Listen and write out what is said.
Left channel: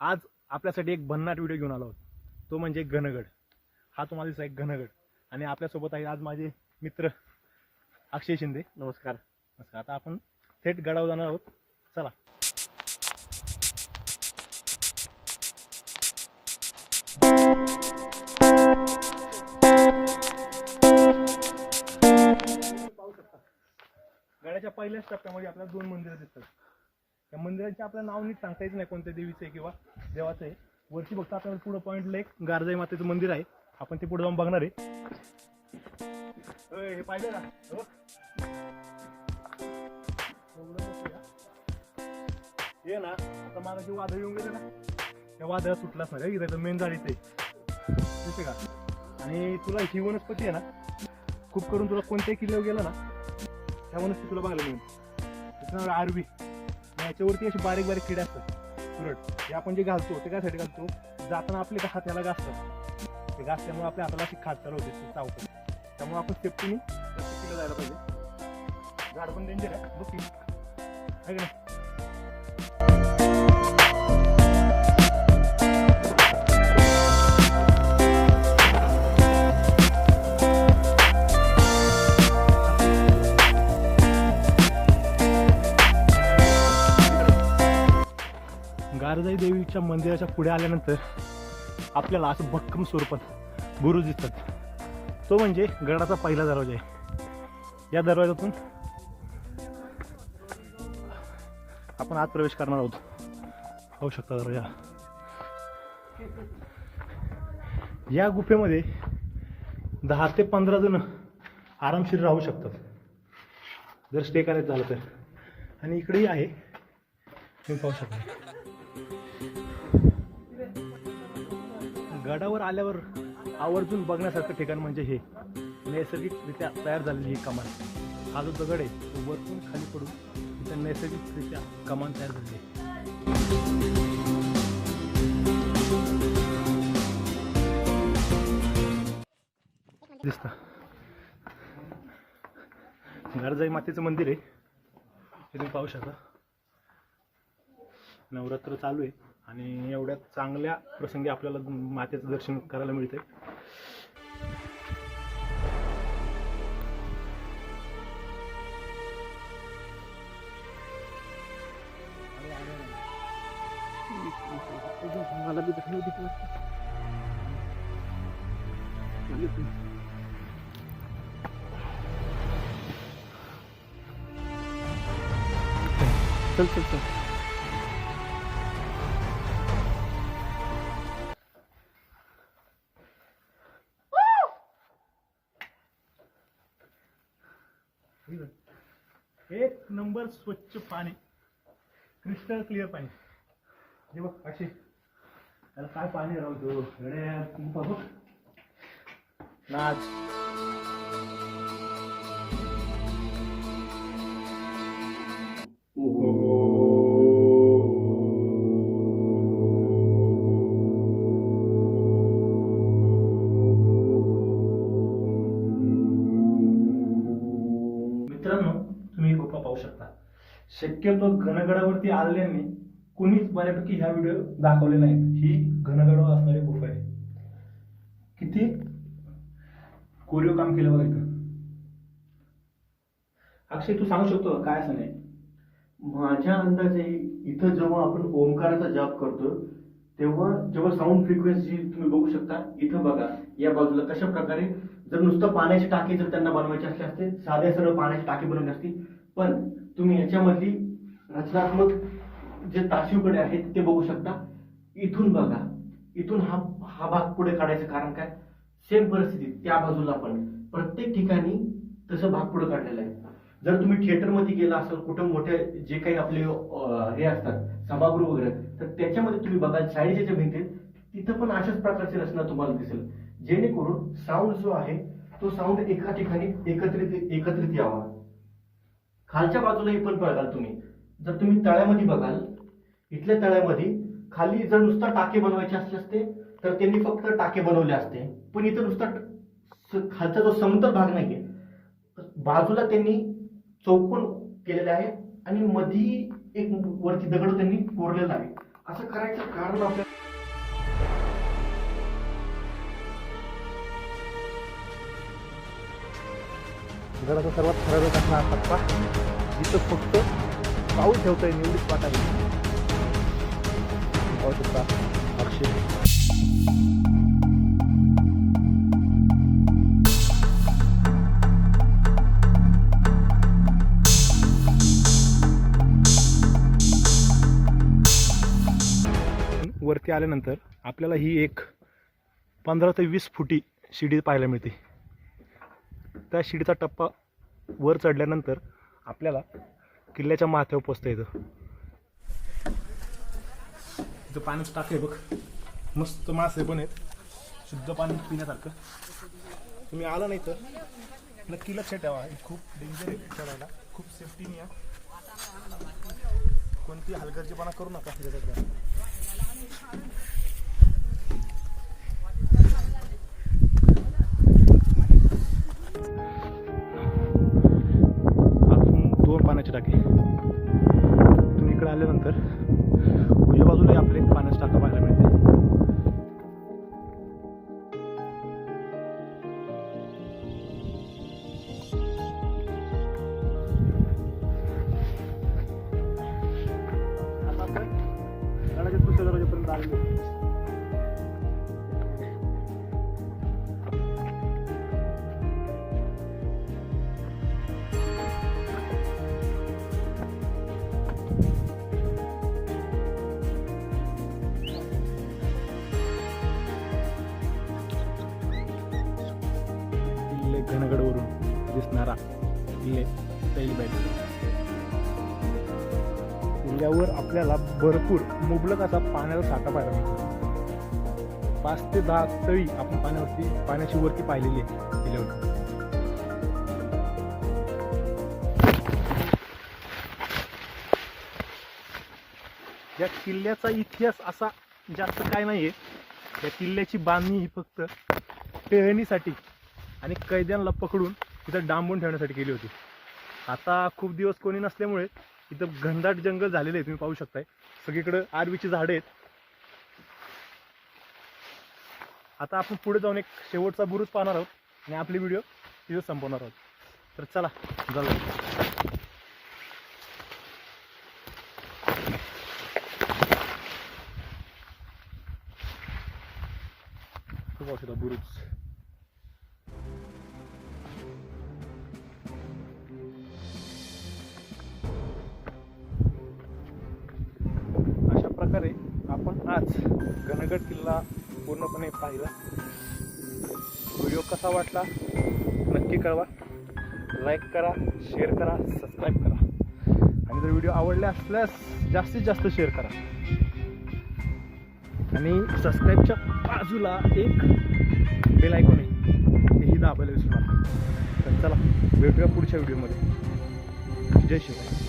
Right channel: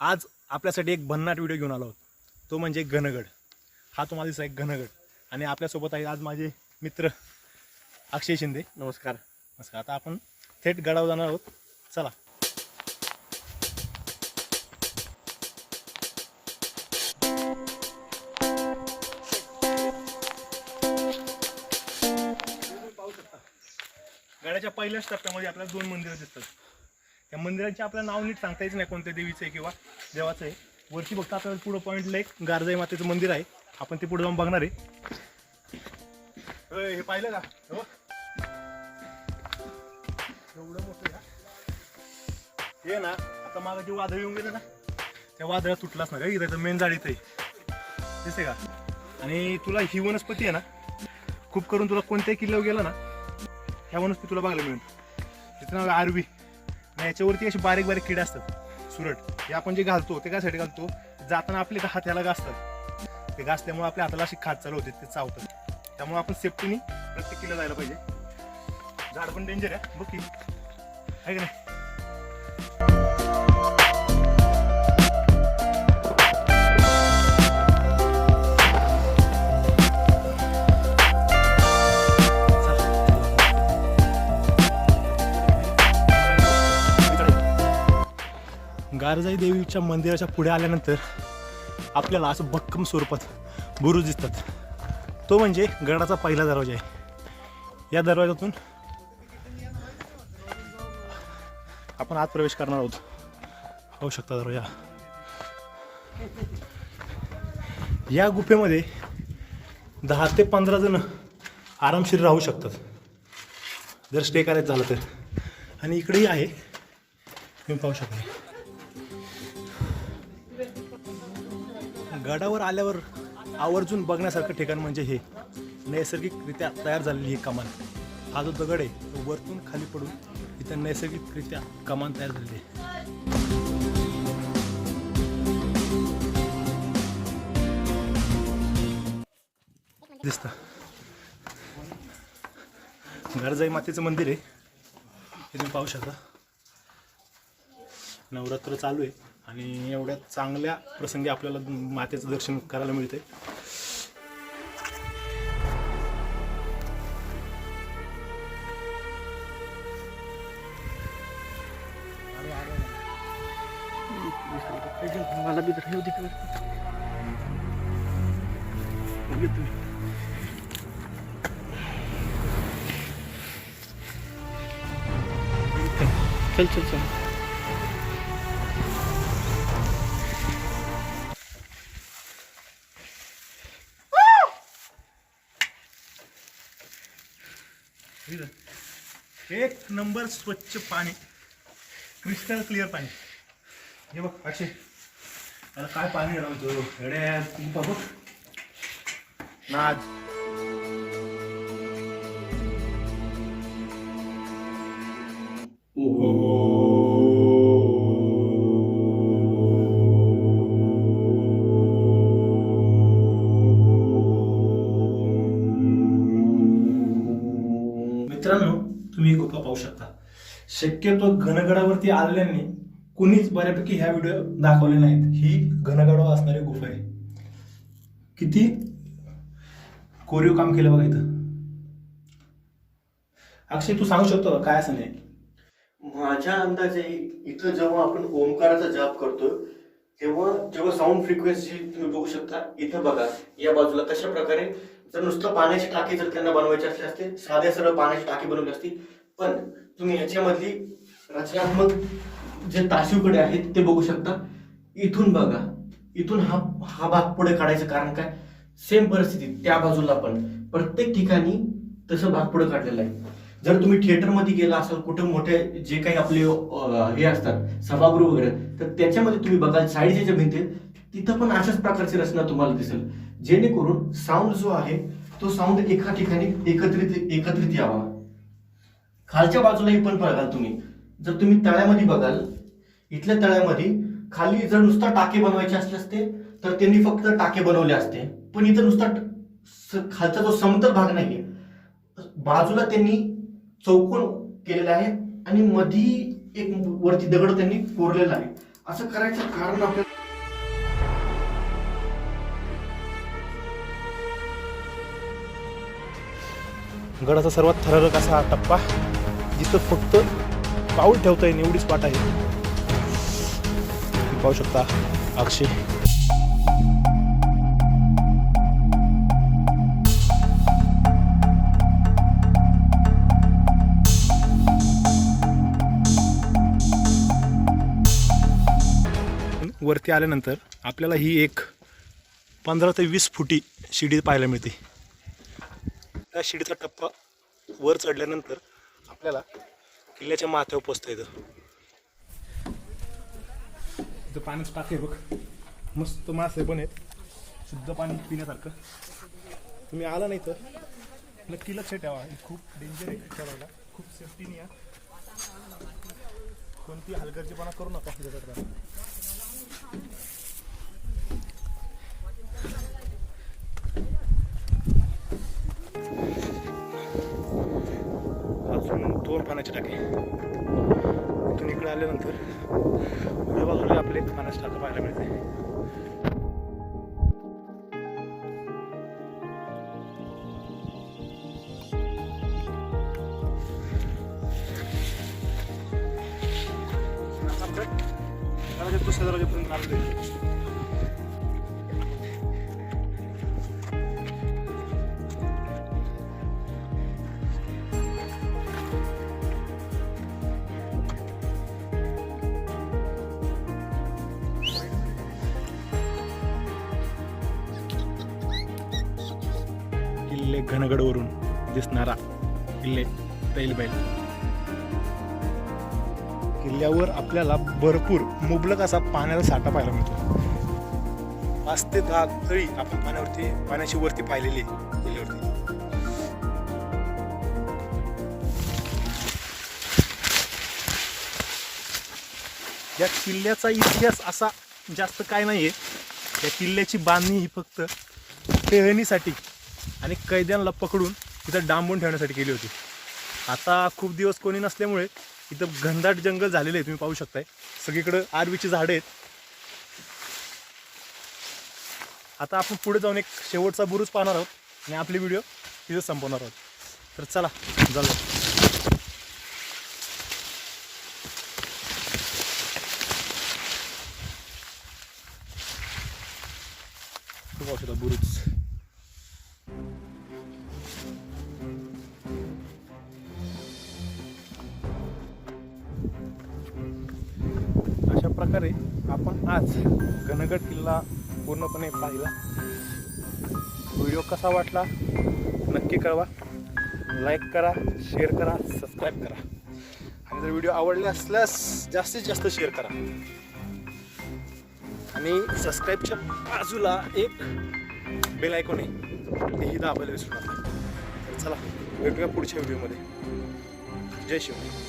आज आपल्यासाठी एक भन्नाट व्हिडिओ घेऊन आलो आहोत. तो म्हणजे घनगड. हा तुम्हाला दिसला एक घनगड. आणि आपल्यासोबत आहे आज माझे मित्र अक्षय शिंदे. नमस्कार. नमस्कार. आता आपण थेट गडावर जाणार आहोत. चला. गडाच्या पहिल्याच टप्प्यामध्ये आपल्याला दोन मंदिरं दिसतात. त्या मंदिराचे आपल्याला नाव नीट सांगता येत नाही कोणत्या देवीचं आहे किंवा देवाचं आहे. वरती बघता आपल्याला पुढं पॉईंटला एक गारजाई मातेचं मंदिर आहे. आपण ते पुढे जाऊन बघणार आहे. हे पाहिलं का? हो. एवढं का? हे ना आता माझा जे वादळ येऊन गेलं ना त्या वादळात तुटलाच ना का इथं मेन जाळीत आहे. दिसते का? आणि तुला ही वनस्पती आहे ना खूप करून तुला कोणत्याही किल्ल्यावर गेला ना ह्या वनस्पती तुला बघायला मिळेल. तिथं नाव आरवी याच्यावरती अशी बारीक बारीक किडे असतात. सुरट. हे आपण जे घालतो ते कायसाठी घालतो? जाताना आपले हात ह्याला घासतात ते घासल्यामुळे आपल्या हाताला अशी खात चालू होते ते चावतात. त्यामुळे आपण सेफ्टीने प्रत्येक किल्ला जायला पाहिजे. झाड पण डेंजर आहे. बघ आहे की नाही? गारजाई देवीच्या मंदिराच्या पुढे आल्यानंतर आपल्याला असं भक्कम स्वरूपात बुरुज दिसतात. तो म्हणजे गडाचा पहिला दरवाजा आहे. या दरवाजातून आपण आत प्रवेश करणार आहोत. होऊ शकता दरवाजा या. गुफेमध्ये दहा ते पंधरा जण आरामशीर राहू शकतात. जर स्टे करायचं झालं तर. आणि इकडेही आहे. तुम्ही पाहू शकता. गडावर आल्यावर आवर्जून बघण्यासारखं ठिकाण म्हणजे हे. नैसर्गिकरित्या तयार झालेली ही कमान. हा जो दगड आहे तो वरतून खाली पडून इथं नैसर्गिकरित्या कमान तयार झालेली आहे. दिसतं. गरजाई मातेचं मंदिर आहे. हे तुम्ही पाहू शकता. नवरात्र चालू आहे. आणि एवढ्या चांगल्या प्रसंगी आपल्याला मातेचं दर्शन करायला मिळते मला बी तर होती चल चल चल. एक नंबर स्वच्छ पाणी. क्रिस्टल क्लिअर पाणी. हे बघ अक्षय. त्याला काय पाणी राहतो एड्या बघ. नाच. पाहू शकता. शक्यतो घनगडावरती आलेल्यांनी कुणीच बऱ्यापैकी ह्या व्हिडिओ दाखवले नाहीत. ही घनगडावर असणारी गुफा आहे. किती? कोरीव काम केलं बघा इथं. अक्षय तू सांगू शकतो काय असं नाही? माझ्या अंदाजे इथं जेव्हा आपण ओंकाराचा जाप करतो तेव्हा जेव्हा साऊंड फ्रिक्वेन्सी तुम्ही बघू शकता इथं बघा या बाजूला कशा प्रकारे जर नुसतं पाण्याची टाकी जर त्यांना बनवायची असली असते साध्या सरळ पाण्याची टाकी बनवली असती पण तुम्ही याच्यामधली रचनात्मक जे ताशीवकडे आहेत ते बघू शकता. इथून बघा. इथून हा हा भाग पुढे काढायचं कारण काय? सेम परिस्थिती त्या बाजूला पण. प्रत्येक ठिकाणी तसं भाग पुढे काढलेला आहे. जर तुम्ही थिएटरमध्ये गेला असाल कुठं मोठे जे काही आपले हे असतात सभागृह वगैरे तर त्याच्यामध्ये तुम्ही बघाल साईडच्या ज्या भिंती आहेत, तिथं पण अशाच प्रकारची रचना तुम्हाला दिसेल. जेणेकरून साऊंड जो आहे तो साऊंड एका ठिकाणी एकत्रित एकत्रित यावा. खालच्या बाजूलाही पण बघाल तुम्ही. जर तुम्ही तळ्यामध्ये बघाल इथल्या तळ्यामध्ये खाली जर नुसता टाके बनवायचे असले असते तर त्यांनी फक्त टाके बनवले असते. पण इथं नुसता खालचा जो समतल भाग नाहीये बाजूला त्यांनी चौकोन केलेला आहे आणि मधी एक वरती दगड त्यांनी कोरलेला आहे. असं करायचं कारण आपल्याला गडाचा सर्वात थरारक असा हा टप्पा. जिथं फक्त पाऊल ठेवता येईल एवढीच पाठ आहे. तुम्ही पाहू शकता अक्षय. वरती आल्यानंतर आपल्याला ही एक पंधरा ते वीस फुटी शिडी पाहायला मिळते. त्या शिडीचा टप्पा वर चढल्यानंतर आपल्याला किल्ल्याच्या माथ्यावर पोचता येतं इथं पाण्याचं आहे बघ. मस्त मासे पण आहेत. शुद्ध पाणी पिण्यासारखं. तुम्ही आला नाही तर. नक्की लक्ष ठेवा हे खूप डेंजर आहे चढायला खूप सेफ्टीने या. कोणती हलगर्जीपणा करू नका. त्याच्यात पाण्याचे टाके. इथून इकडे आल्यानंतर उजव्या बाजूला आपले एक पाण्याचा टाका पाहायला मिळते. आता आपण दुसऱ्या दरवाजेपर्यंत घनगडवरून दिसणारा किल्ले तैलबैल. किल्ल्यावर आपल्याला भरपूर मुबलक असा पाण्याचा साठा पाहायला मिळतो. पाच ते दहा तळी आपण पाण्यावरती पाण्याची वरती पाहिलेली आहे किल्ल्यावरती. या किल्ल्याचा इतिहास असा जास्त काय नाहीये. या किल्ल्याची बांधणी ही फक्त टेहणीसाठी आणि कैद्यांना पकडून तिथं डांबून ठेवण्यासाठी केली होती. आता खूप दिवस कोणी नसल्यामुळे इथं घनदाट जंगल झालेलं आहे तुम्ही पाहू शकताय. सगळीकडं आरवीची झाडं आहेत. आता आपण पुढे जाऊन एक शेवटचा बुरुज पाहणार आहोत आणि आपली व्हिडिओ तिथं संपवणार आहोत. तर चला जाऊया. खूप औषधा बुरुज. अशा प्रकारे आपण आज गणगड किल्ला पूर्णपणे पाहिला. व्हिडिओ कसा वाटला? नक्की कळवा. लाईक करा शेअर करा सबस्क्राईब करा. आणि जर व्हिडिओ आवडले असल्यास जास्तीत जास्त शेअर करा. आणि सबस्क्राईबच्या बाजूला एक बेल ऐकून आहे. तेही दाबायला विसरू नका. तर चला भेटूया पुढच्या व्हिडिओमध्ये जय शिवाय